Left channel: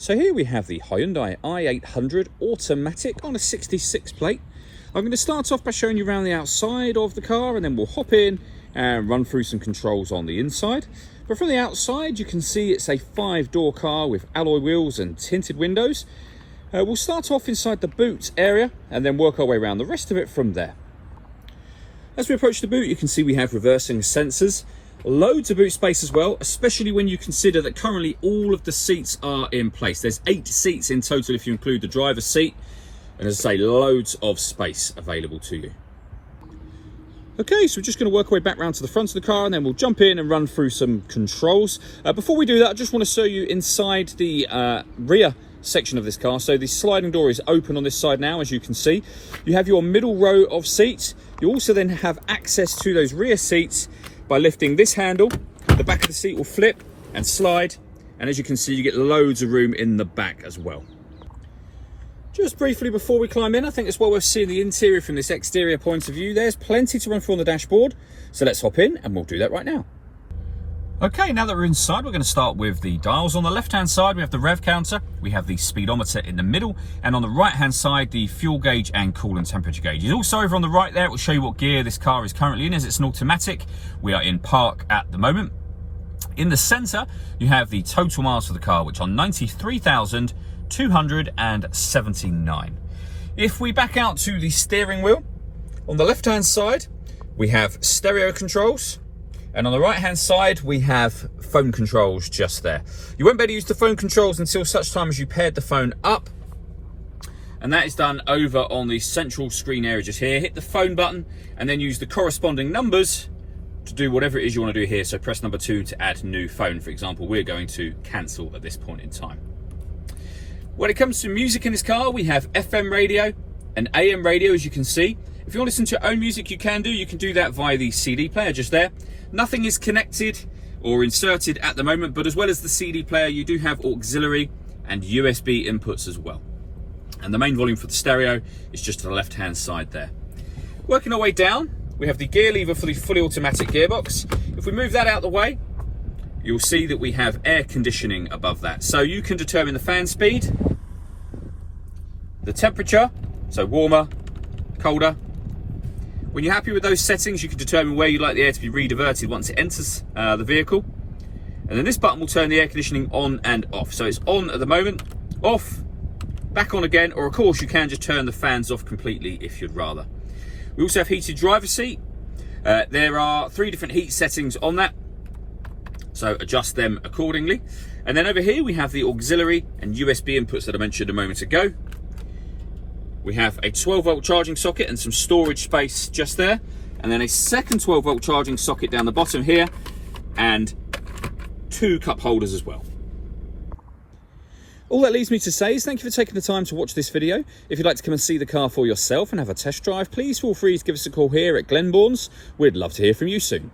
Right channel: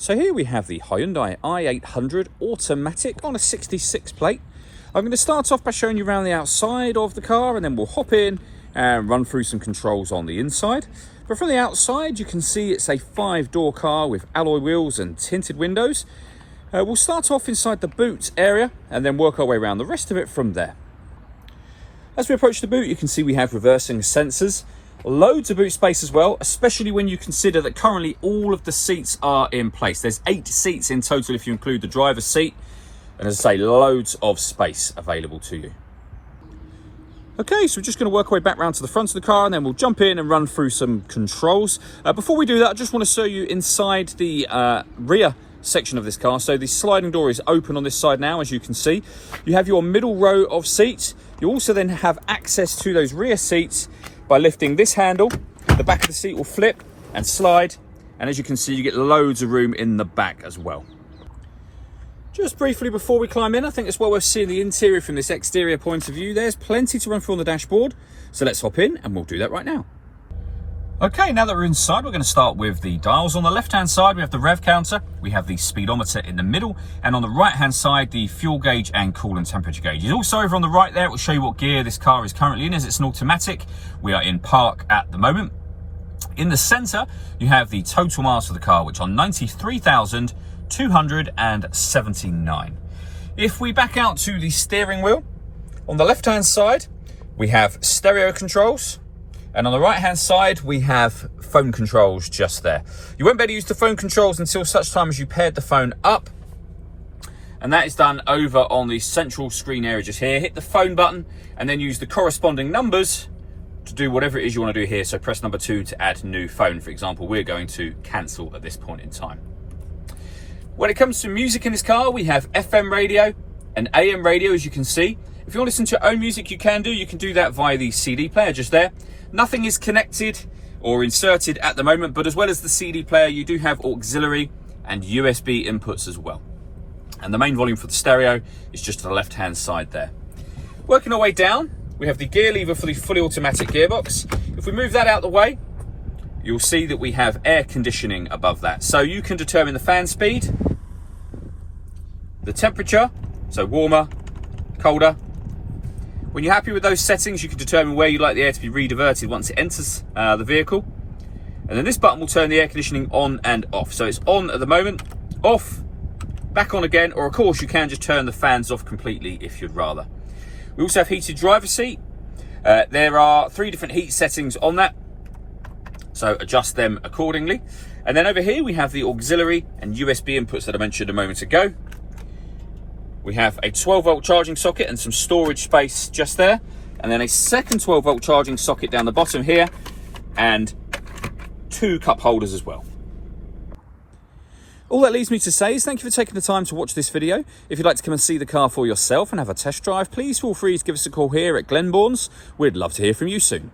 So here we have the Hyundai i800 automatic on a 66 plate. I'm going to start off by showing you around the outside of the car, and then we'll hop in and run through some controls on the inside. But from the outside, you can see it's a 5-door car with alloy wheels and tinted windows. We'll start off inside the boot area and then work our way around the rest of it from there. As we approach the boot, you can see we have reversing sensors. Loads of boot space as well, especially when you consider that currently all of the seats are in place. There's 8 seats in total if you include the driver's seat. And as I say, loads of space available to you. Okay, so we're just going to work our way back round to the front of the car, and then we'll jump in and run through some controls. Before we do that, I just want to show you inside the rear section of this car. So the sliding door is open on this side now, as you can see. You have your middle row of seats. You also then have access to those rear seats by lifting this handle. The back of the seat will flip and slide, and as you can see, you get loads of room in the back as well. Just briefly before we climb in, I think it's well worth seeing the interior from this exterior point of view. There's plenty to run through on the dashboard, so let's hop in and we'll do that right now. Okay, now that we're inside, we're going to start with the dials. On the left-hand side, we have the rev counter, we have the speedometer in the middle, and on the right-hand side, the fuel gauge and coolant temperature gauge. And also over on the right there, it will show you what gear this car is currently in, as it's an automatic. We are in park at the moment. In the center, you have the total miles for the car, which are 93,279. If we back out to the steering wheel, on the left-hand side, we have stereo controls. And on the right hand side, we have phone controls just there. You won't be able to use the phone controls until such time as you paired the phone up. And that is done over on the central screen area just here. Hit the phone button and then use the corresponding numbers to do whatever it is you want to do here. So press number 2 to add new phone. For example, we're going to cancel at this point in time. When it comes to music in this car, we have FM radio and AM radio, as you can see. If you want to listen to your own music, you can do that via the CD player just there. Nothing is connected or inserted at the moment, but as well as the CD player, you do have auxiliary and USB inputs as well. And the main volume for the stereo is just to the left-hand side there. Working our way down, we have the gear lever for the fully automatic gearbox. If we move that out of the way, you'll see that we have air conditioning above that. So you can determine the fan speed, the temperature, so warmer, colder. When you're happy with those settings, you can determine where you'd like the air to be rediverted once it enters the vehicle. And then this button will turn the air conditioning on and off. So it's on at the moment, off, back on again, or of course you can just turn the fans off completely if you'd rather. We also have heated driver's seat. There are 3 different heat settings on that, so adjust them accordingly. And then over here we have the auxiliary and USB inputs that I mentioned a moment ago. We have a 12-volt charging socket and some storage space just there, and then a second 12-volt charging socket down the bottom here, and 2 cup holders as well. All that leaves me to say is thank you for taking the time to watch this video. If you'd like to come and see the car for yourself and have a test drive, please feel free to give us a call here at Glenbourne's. We'd love to hear from you soon.